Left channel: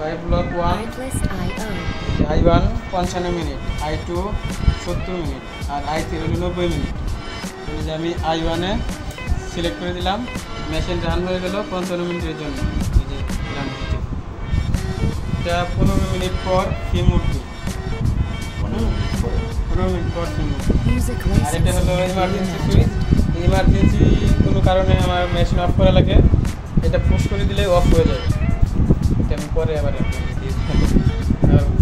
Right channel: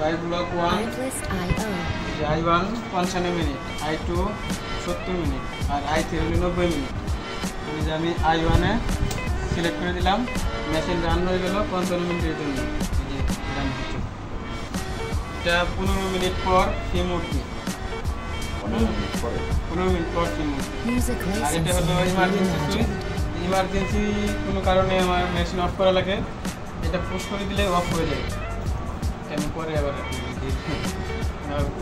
By block 1 I1 55 minute, I2 70 minute আর I3 90 minute. তাহলে আমি I1 এ সিলেক্ট করে দিলাম, মেশিন রান হয়ে গেল 55 মিনিটের জন্য। এই যে রান হচ্ছে, এটা 15 মিনিট পর ফিম উঠবে, 15 মিনিট পর ফিম উঠবে। আর এটা হলো ইমার্জেন্সি কোনো কারণে আমার মেশিন অফ করা লাগে, এটা পুশ করে দিলে অফ হয়ে যাবে। এটা আমি পরে আবার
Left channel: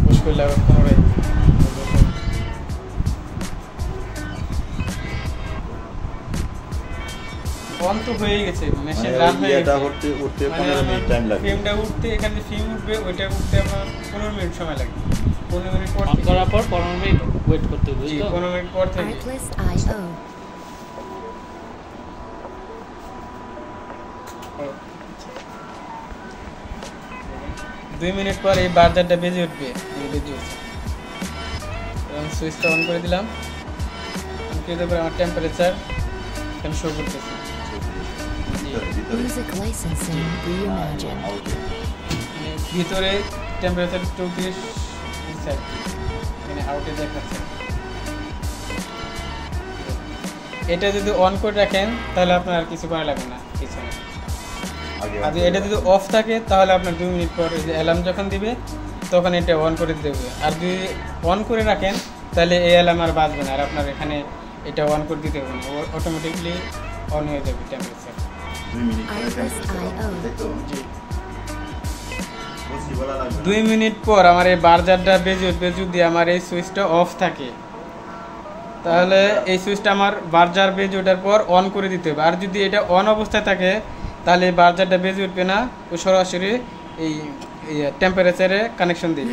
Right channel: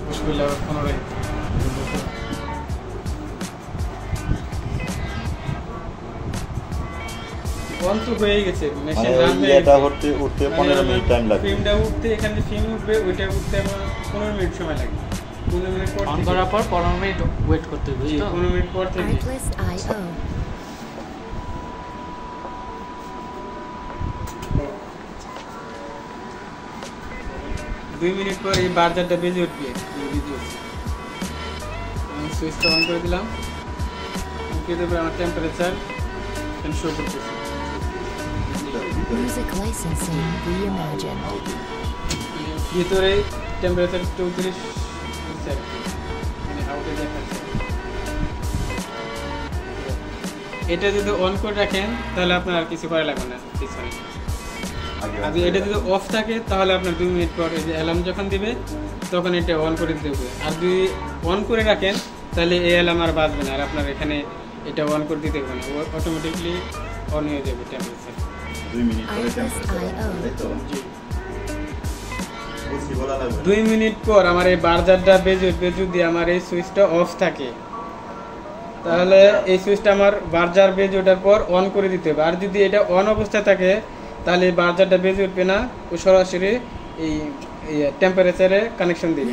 পুশ করলে আবার পুনরায় অন তো হয়ে গেছে, মেশিন রান হয়ে গেছে। এটা উঠতে 15 মিনিট টাইম লাগবে। ফিমটা উঠতে এখানে ফিম উঠবে, ওইটা উঠতে আমার 15 মিনিট সময় লাগবে। 15 মিনিট পর অন করার পর 15 মিনিট ওয়েট করতে হবে, তো 15 মিনিট পর থেকে 2 মিনিট পর এই বাজারটা বেজে উঠবে, সুইচটা অন করে দিলাম। আমার টেম্পারেচার এখানে শো করতেছে। ভিতরে টেম্পারেচার 34 মানে আউটে দেখাচ্ছে। এটা যদি অন করে রাখেন তাহলে আপনার আর কিছু করা লাগবে না পিছনে। আর এটা যদি অফ থাকে তাহলে আপনার 2 মিনিট পর অ্যালার্ম যখন দিবে তখন এটা অন করে দিতে হবে। আর যদি অন করে রাখেন তাহলে এই অ্যালার্ম আর বাজবে না, আর আপনার এখানে এটা অন করে দিতে হবে না, অটোমেটিকলি অন হয়ে যাবে টেম্পারেচার। 2 মিনিট পর আমার এই বাজারটা বেজে উঠবে যদি আমার এই সুইচটা অফ থাকে, তাহলে এই সুইচটা আমার বাজার বেজে ওঠার পর অন করে দিতে হবে। আর যদি এটা অন অবস্থায় থাকে তাহলে এই বাজারটা বেজে উঠবে না, ও সরাসরি এই টেম্পারেচারে কানেকশন দেবে।